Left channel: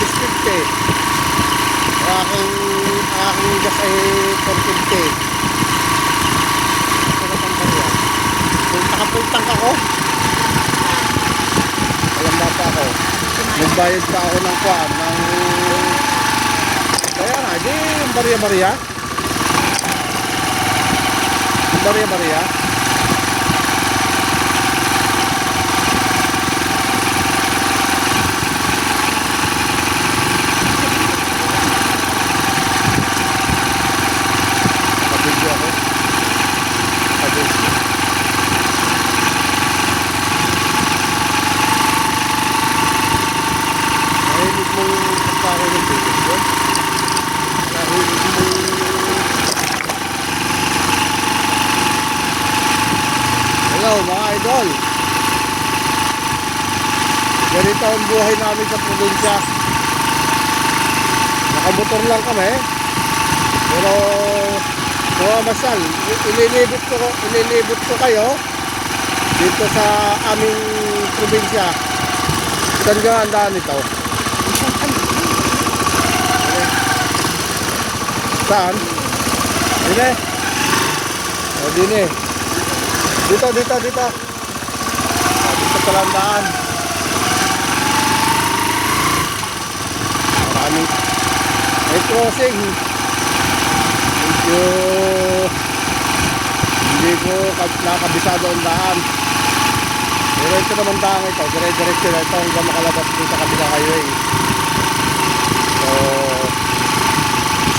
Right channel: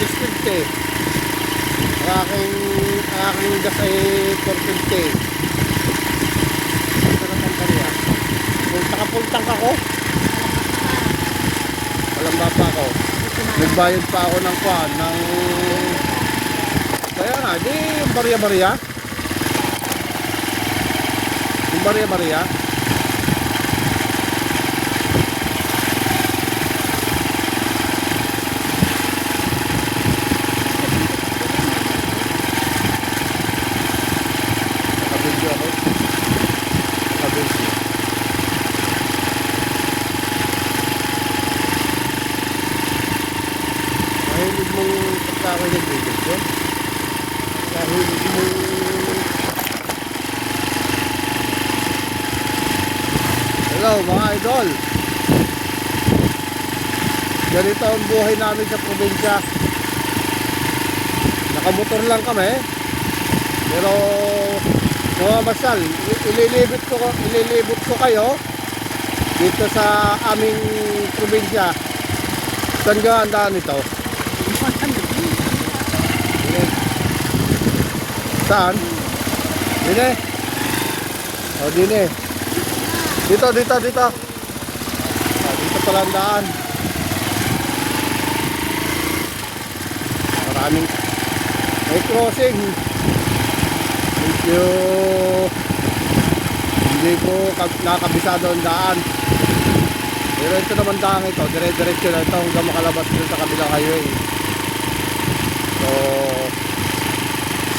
650. Ang aking gas ay 450. Ito na pang barya. Full tank ako. Walang bata ako. Nagbayad pa ako ng kuwan ng kaya nga, di yung barya-barya. Yung barya-barya. Nakabidyo ako. Nakabidyo. Nahilig mong pagkakaroon ng video. Nahilig mong hello mga idol. Ganito ang buhay namin sa probinsya. Nakamotor lang kami. Pero mga masal, ililibot ko kayo dito sa aming probinsya. Saan ka ang daan ito? Saan? Dine? O dine. Dito. Dito pala ang daan. Maraming may crossing. Medyo hindi ko nakabisado ang daan. Pero ito naman daan ito. Dire-diretso na ito hanggang makalabas dun sa kabilang highway. So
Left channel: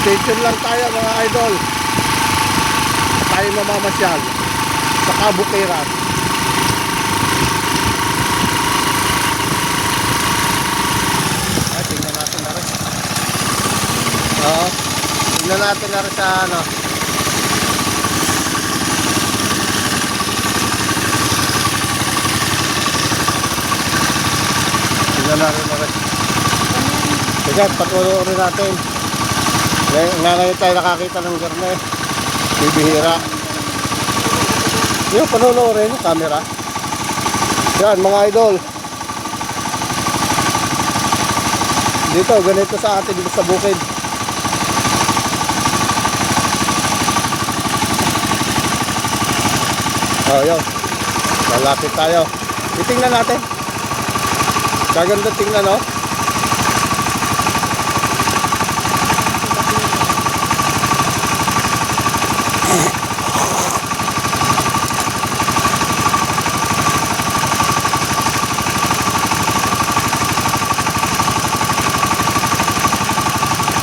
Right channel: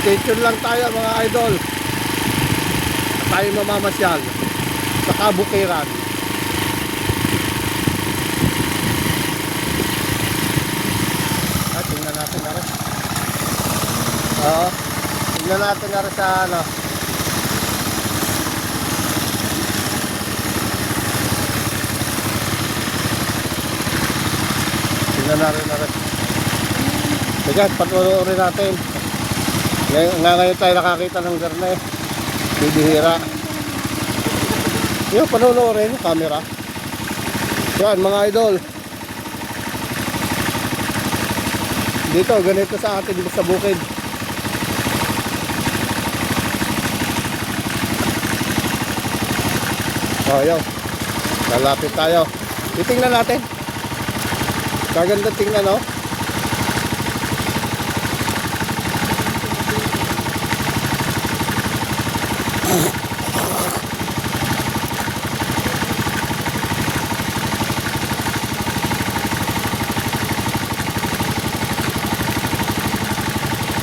stay tuned lang tayo mga idol. Tayo mamamasyal sa Kabukiran. Tingnan natin na rin. Oo. Tingnan natin na rin sa ano. Tingnan natin na rin. Sige, patuloy natin. Ngayon tayo nakakita ng garne. Bibihira. Yung panonoorin yung camera. Yan mga idol. Dito, ganito sa atin dito sa bukid. Oh, yun. Lalapit tayo. Titingnan natin. Kaganda tingnan, no?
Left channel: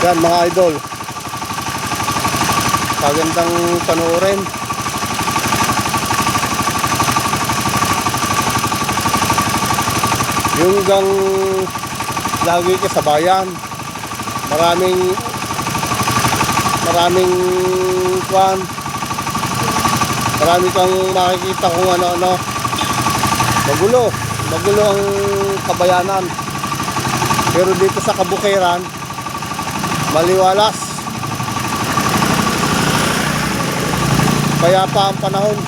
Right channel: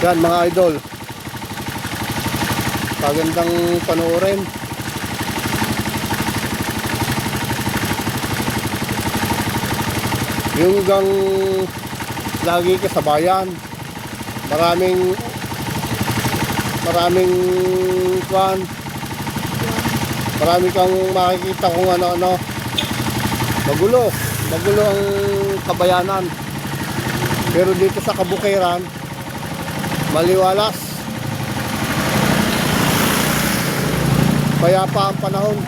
Yan mga idol. Kagandang panoorin. Yung gang lagi ka sa bayan. Maraming kwan. Marami kang makikita kung ano-ano. Magulo ang kabayanan. Pero dito sa Kabukiran, maliwalas. Payapa ang panahon.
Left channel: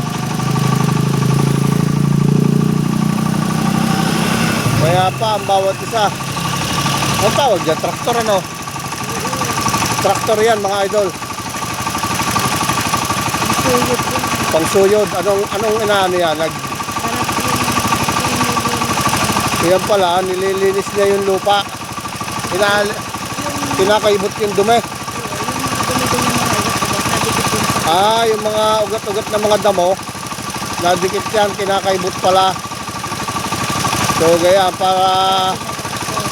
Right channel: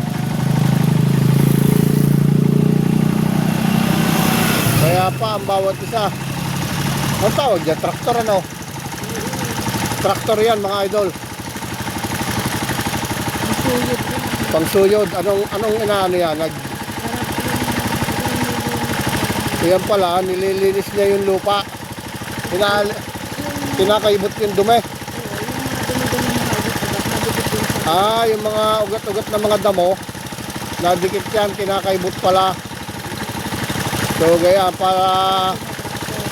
Payapa ang bawat isa. Ang tawag dyan? Traktor ano? Traktor yan mga idol. Pangsuyod. Anong inaano yan? Yan pala, nililinis niya yung lupa. Kinakaibot yung dumi. Yung mga ugat-ugat na mga damo, nadikit yan, kinakaibot pala. So gaya para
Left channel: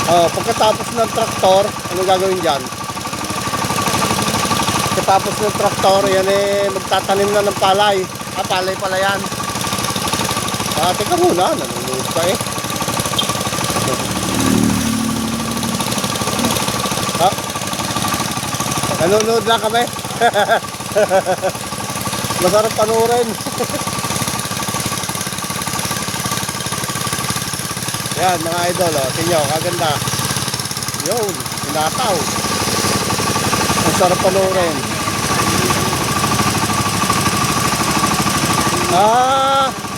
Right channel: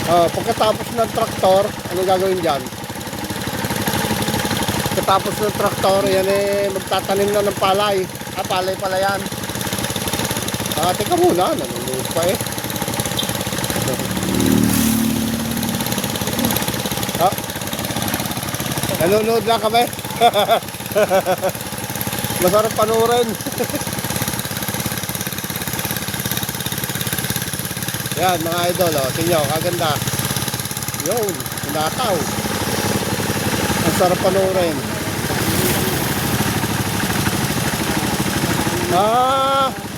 pagkatapos ng traktor, ano gagawin dyan? Pagkatapos ng traktor, yan magtatanim na ng palay. Palay pala yan. Teka muna, nanonood pa eh. Nanonood lang kami. Masarap panoorin. Yan mga idol, tingnan nyo, kaganda. Yun, pinataw. Ang sarap panoorin.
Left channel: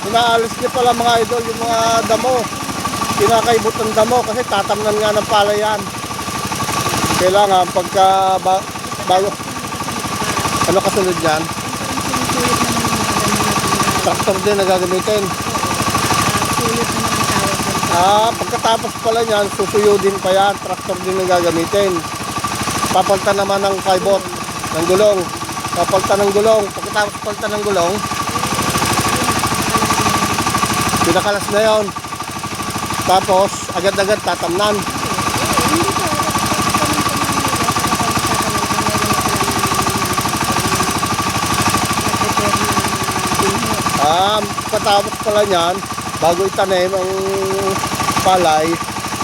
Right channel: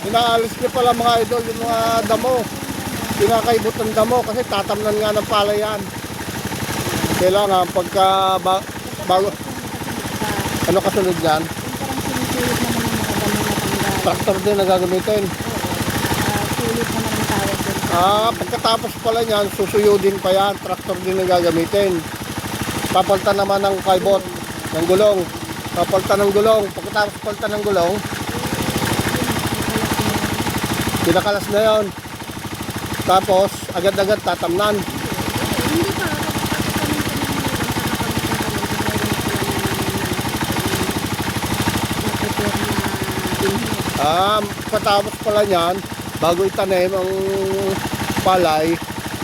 Inaalis niya pala mga idol yung mga damo. Pinakaibot ng damo kasi tatamnan nga ng palayan. Kailangan pagka bago, ano kasunod yan? Traktor din na gagamitin. Pagkatapos pala niyan, susuyudin pa yan. Traktor din na gagamitin. Papalta naman ng kaibot, ng gulong. Papalta ng gulong. Pagkatapos palta ng gulong, pinakalas na yon. Tapos, agad-agad tatamnan. Pagkatapos pala niyan, bago itanim ang palay,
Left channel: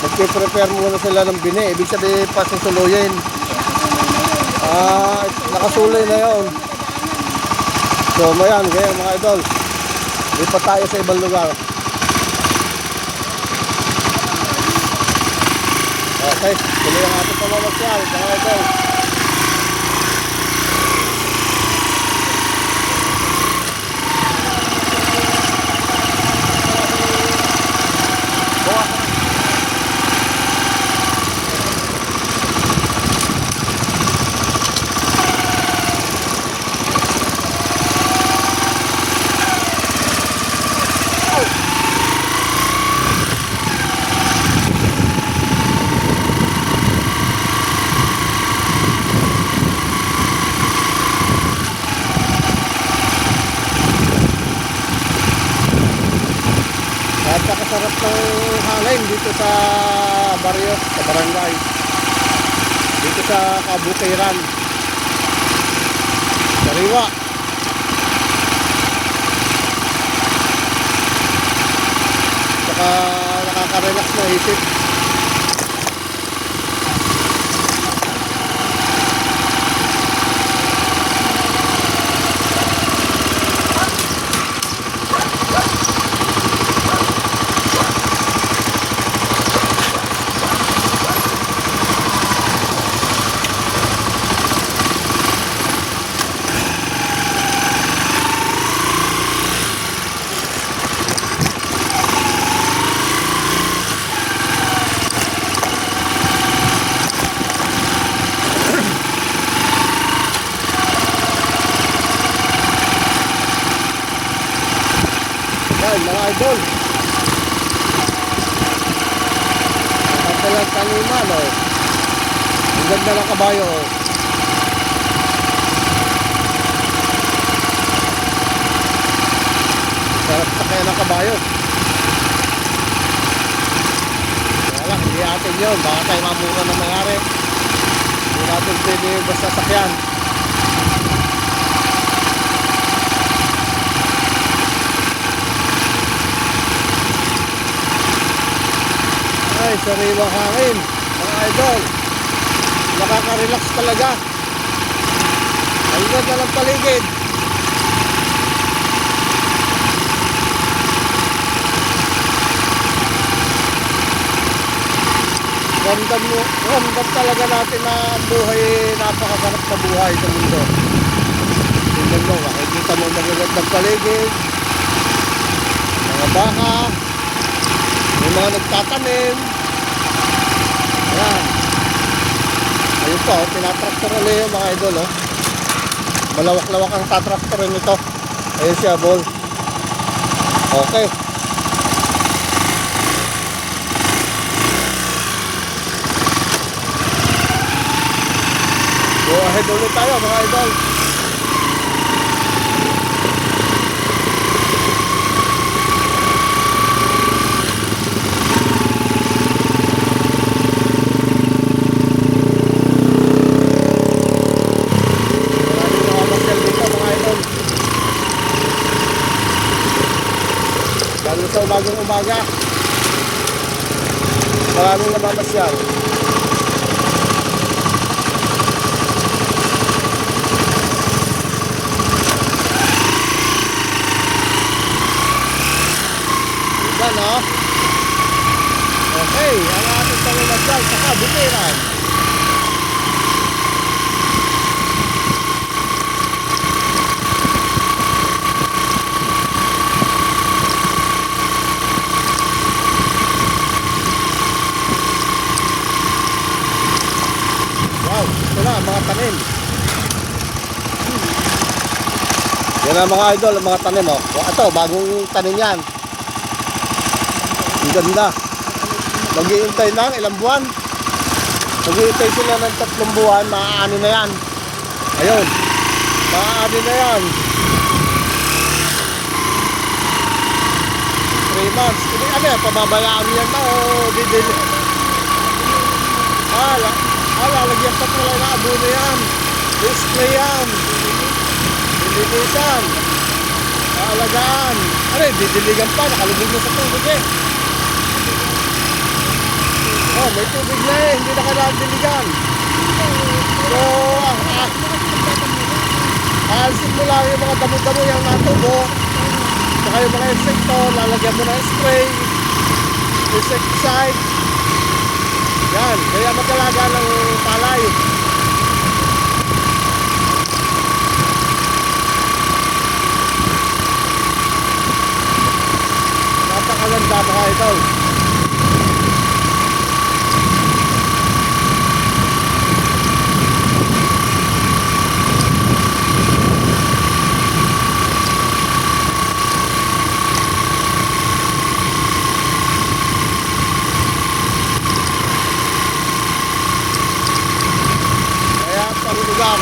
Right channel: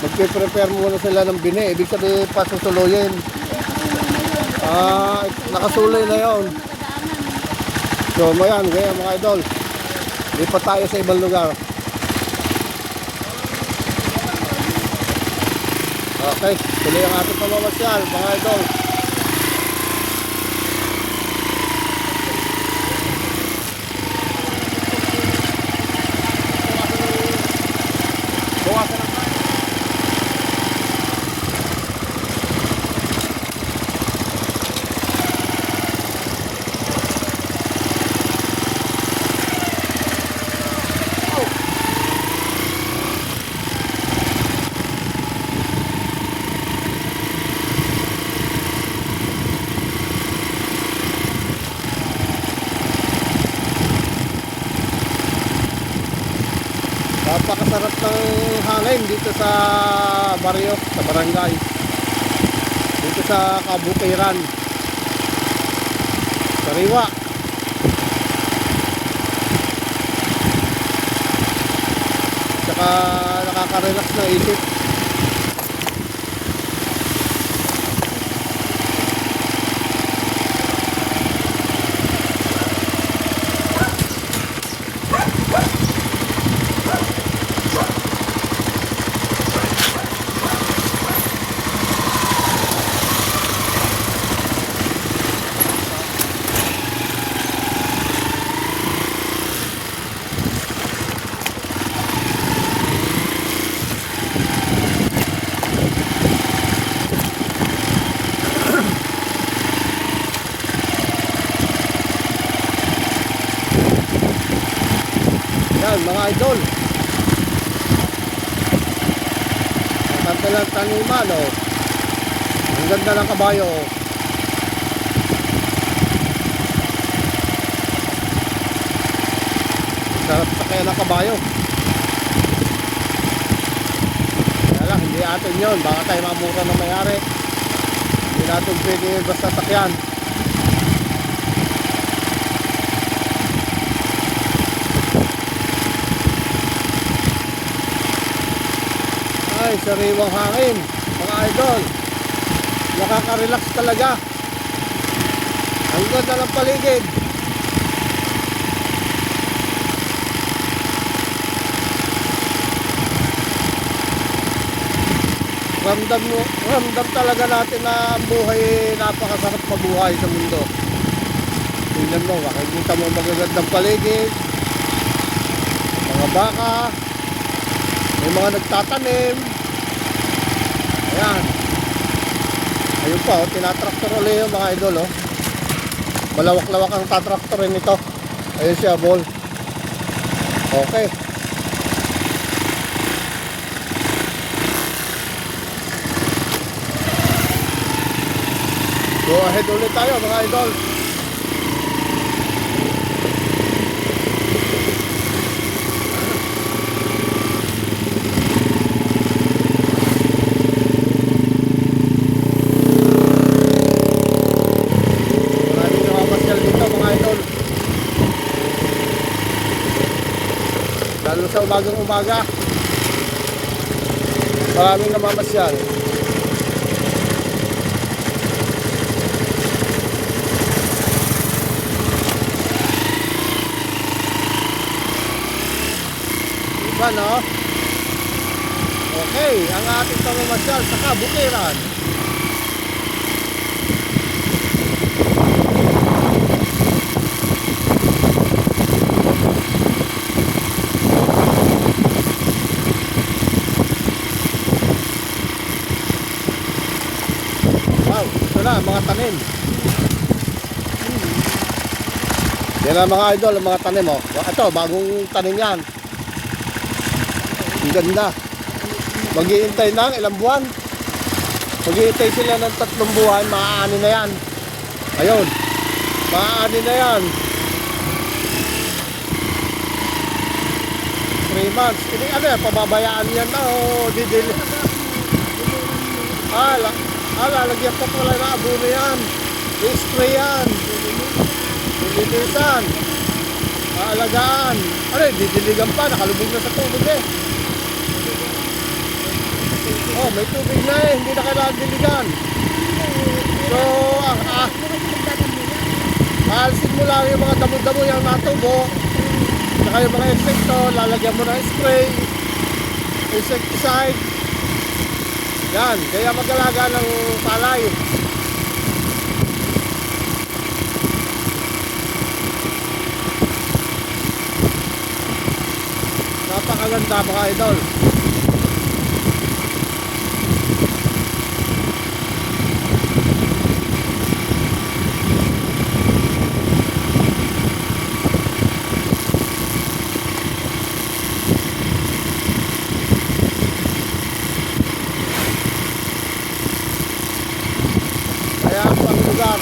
magpe-prepare muna sila ng bini. Ibig sabihin, pasusuluyin. Nakasuloy na yon. So, mayan, ganyan mga idol. Lipat tayo sa ibang lugar. Okay, tuloy ang ating pamamasyal, mga idol. Napakasarap ng hangin dito sa baryo, sa barangay. Dito sa Kabutiran. Sariwa. Saka nakaka-relax na isip. Yan mga idol, ang taniman, oh. Ang ganda ng kabayo, oh. Sarap sa kaya ng kabayo. Kaya lang, hindi atin yun. Baka tayo mamura na mayari. Hindi natin pwede basta sakyan. Ay, sariwang hangin, mga idol. Nakaka-relax talaga. Ang ganda ng paligid. Ramdam talaga natin na ang buhay, napakasarap na buhay sa mundo. Tingnan mo, makikita mo magagandang paligid, mga baka, may mga nagtatanim. Ayan. Ayun pa, oh, tinatraktor ulit yung mga idol, oh. Malawak-lawak ang tatraktorin nito. Ayun siya, ball. Okay. Go ahead ulit tayo, mga idol. Lalo sa umagang umaga, maraming namamasyal. Diba, no? Okay, ang ating pamamasyal sa Kabutiran. Wow, ito na, mga tanim. Yan ang mga idol, ang mga tanim, oh. Ito, bagong tanim yan. Ang ganda. Mag-iintay ng ilang buwan. Mag-iintay sila ng 3 buwan, maaani na yan. Ayun, maaani na yan. 3 months. Hindi, ano yan, pababayaan yan na, o didili. Lalagyan pa pala ng abono yan. I-spray yan. Dililisan. Aalagaan. Ano eh, didiligan pa. Nakalubog na sa tubig eh. Oh, may tubig na eh. Hindi na kailangan diligan. So, maalisin mo lang yung mga damo-damo yung natubo. Saka yung mga insekto, lalagyan mo ng spray, insecticide. Yan, kaya mag-alaga ng palay. Napakaganda mga idol. Kaya ang lugar,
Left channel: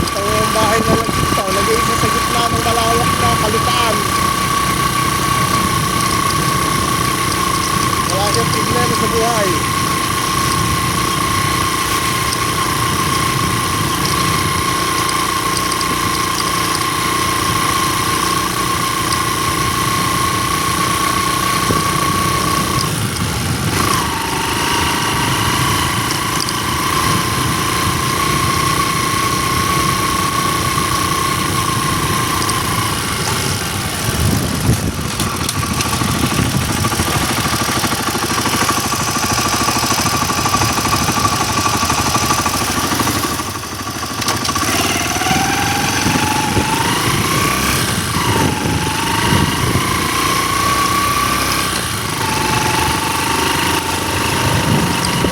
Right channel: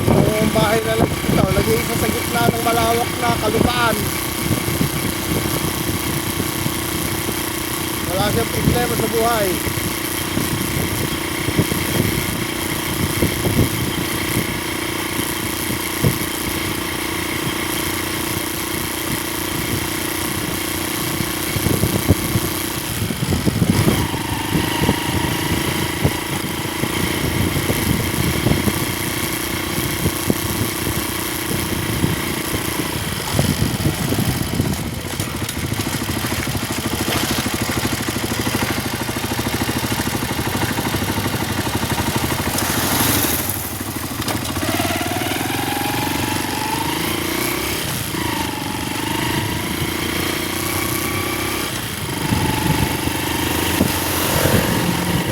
itong bahay na lang ito, nag-iisa sa gitna ng malawak na kalutaan. Wala siyang problema sa buhay.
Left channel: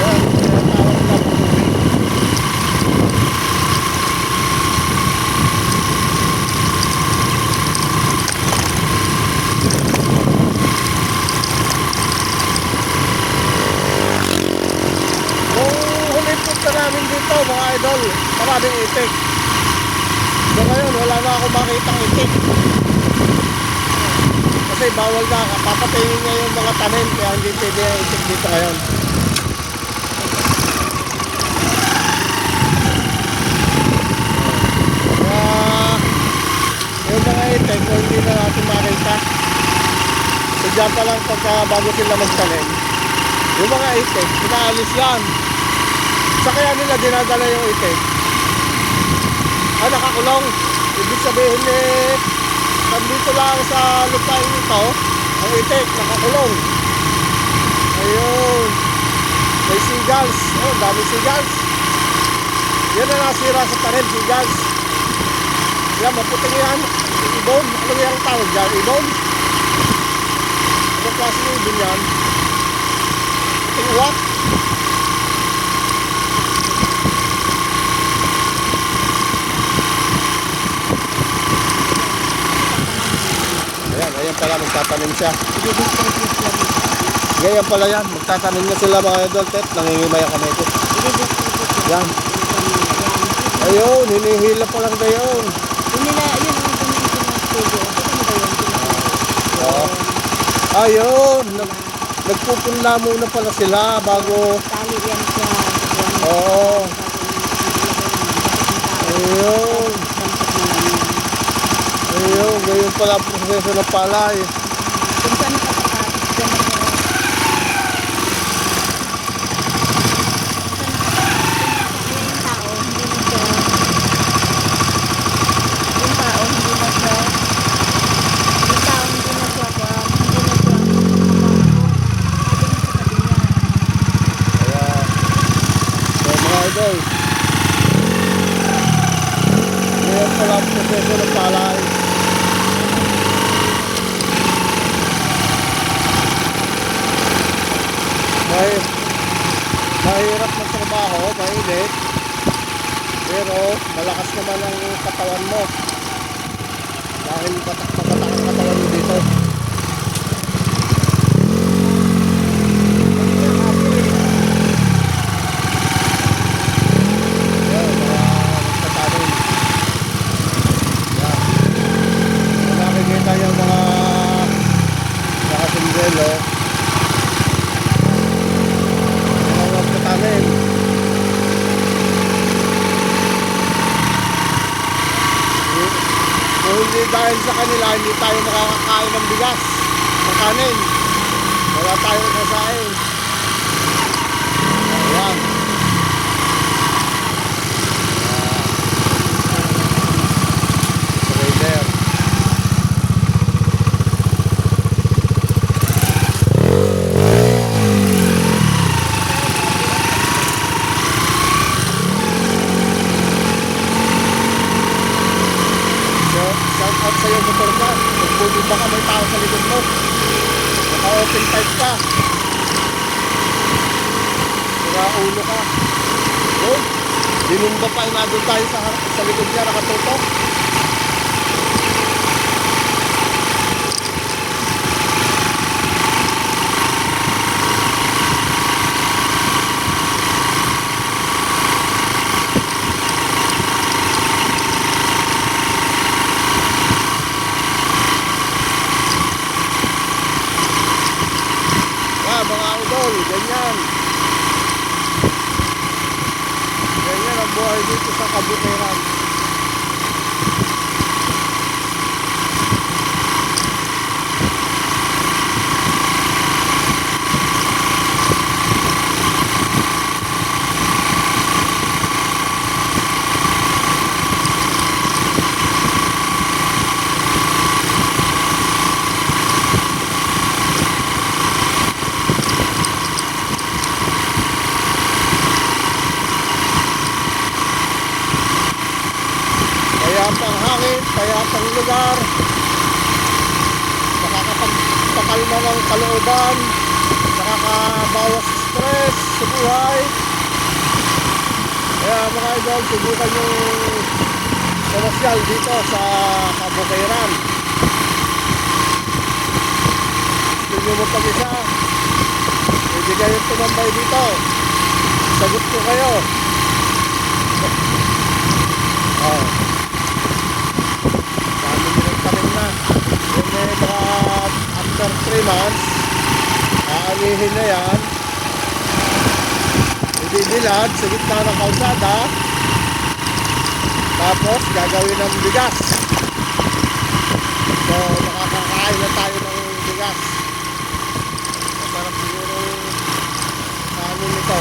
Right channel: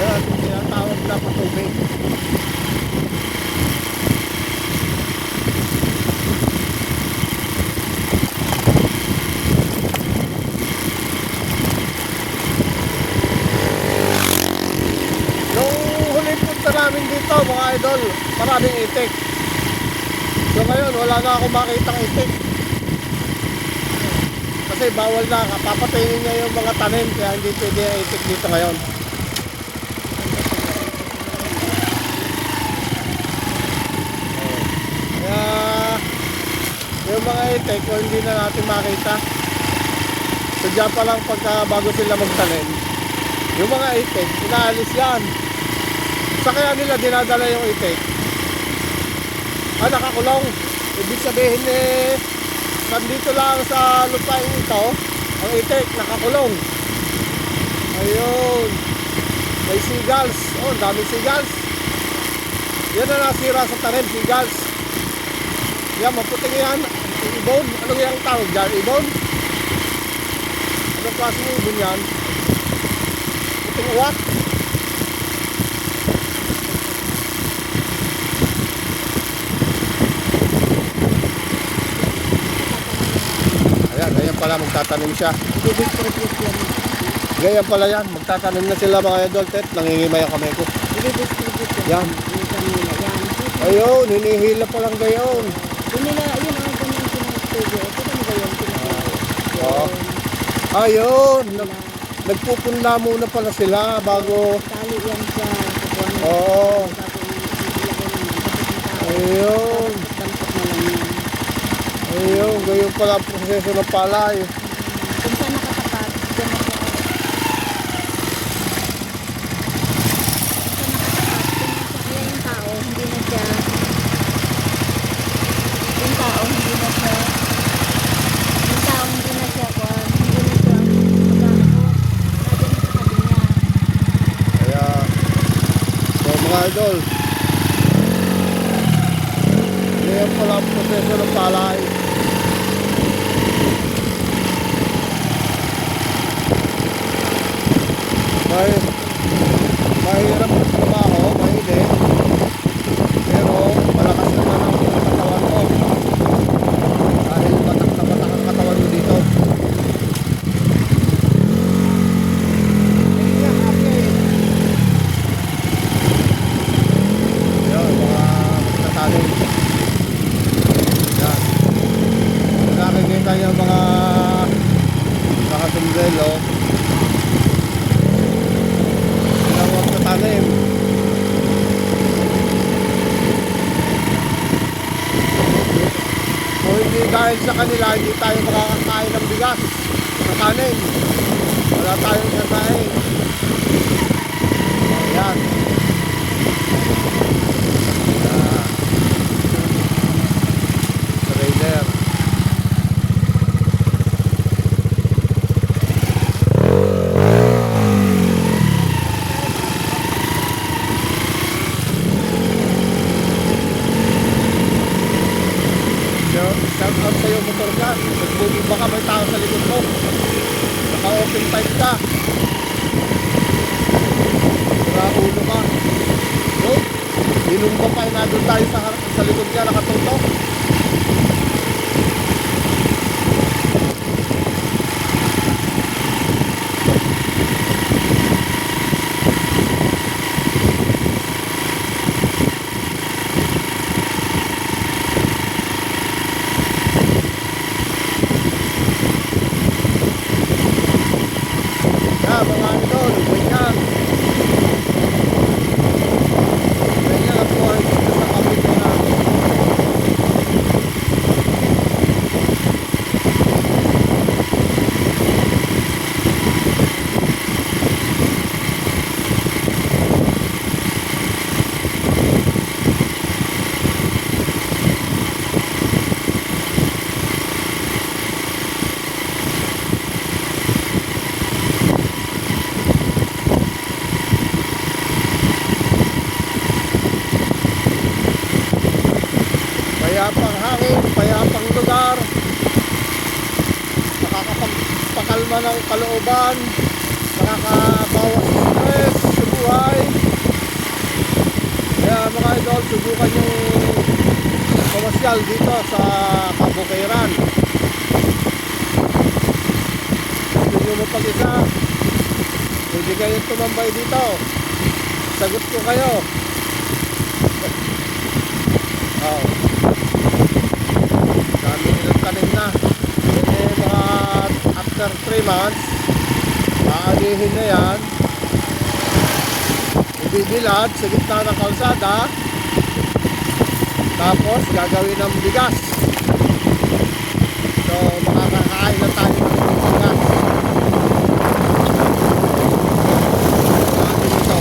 Yan, tinatawag na patubig. Nung huli punta namin dito mga idol, maraming itik. So ngayon wala na akong makitang itik. Kasi bawal na, papatayin niya yung mga tanim, kaya hindi pwede ang itik dito ngayon. Kaya yung mga itik, kung hindi na natin makita, so dyan pa lang pagka bago sila magtanim, yung mga itik, inaalis yan. Sa kaya nila dinadala yung itik, nakakulong. Ibig sabihin eh, nandito lang sa lupain ito, ang itik, nakakulong. Ayun. May seagulls. Oh, dami seagulls. Yan na nasira sa tanim, seagulls. Yan, maputing yan. Ibon. Ano yung tawag dyan? Ibon? Anong klase ng ibon yan? Puting uwak? Ayan pala, magtatanim siya. Ganyan pala yan, magtatanim na sila mga idol. Tet, nangingimay ang kamay ko. Yan. Ayun, hinihila pa lang gayon. Yun ang ganyan pinag-studio. Ito na ba yun? Oo. Ayun, nagpupunla muna pala sila bago. Tali yan sa buwan. Oo. Ayun. Dampot na lang yan. Ayun, gayon pala ang proseso ng palay. Kung saan nakatapat, dyan na po. Kaya yung tao, hindi na siya. Yung tao, hindi na siya. Yung tao, hindi na siya. Hindi na siya. Nadyan sa tabi niya. Kaya, so mga idol, gayon pala ang proseso ng palay. Mahirap na trabaho, mainit. dahil sa kanila, hindi tayo makakakain ng bigas, ng kanin. Wala tayong nasahin. Ayan. Trailer. Shout out sa'yo, motor ka. Magbumba ka, may tao sa likod mo. Naka-open pipe ka. Sira ulo ka. No? Dinumba pa na doon tayo sa likod niya, nakatutok. Mga idol, ganyan. Ganyan ang buhay dito sa kabutihan. Payapang hangin, payapang lugar, nakakapagpakalma ng kalooban, nakakabawas sa stress sa buhay. Kaya mga idol, subukan yung komersyal dito sa Kabukayran. Gusto nyo mo pag-isa, pwede kayo tumambay dito, sagot ko kayo. Oh. Dami nilang tanim na. Then mga after 3 months, aanihin na yan. Ibibilad sa gitna ng kalsada. Tapos gagawin ng bigas. So makakakain na tayo ng bigas. Ano nito?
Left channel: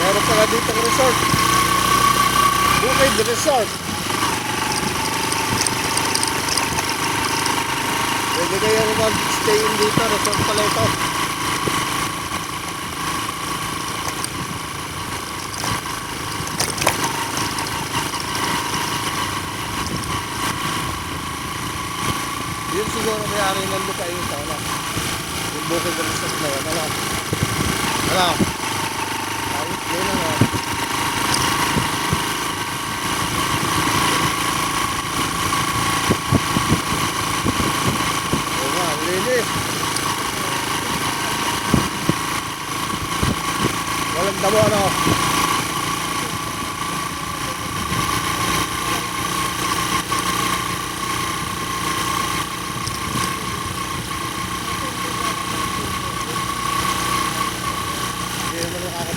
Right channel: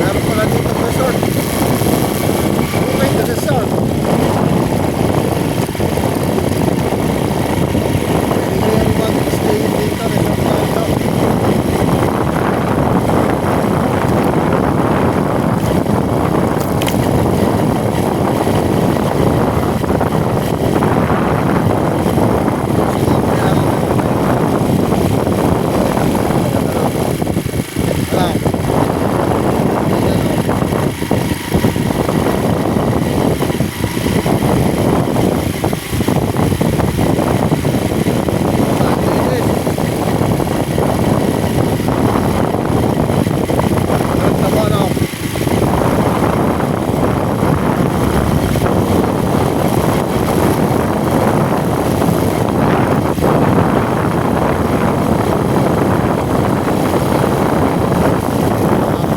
Meron pala dito ng resort. Bukay the resort. Pwede kayong mag-stay dito. Resort pala ito. Yun siguro mayari na ito tayo. Bukay the resort. Alam. Tama na ako.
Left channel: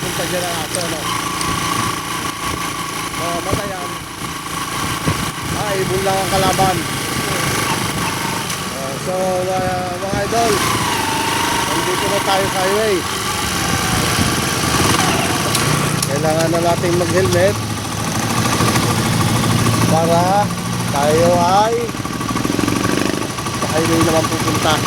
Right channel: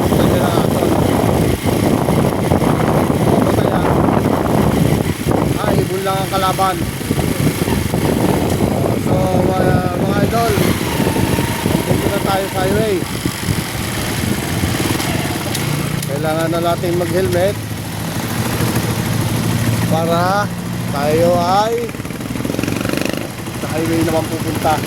Punta dyan ang ato, no? Patay ah. Ibon lang ang kalaban. So, mga idol, nandito na tayo sa highway. Kailangan na natin mag-helmet para tayo ay sa highway naman pupunta.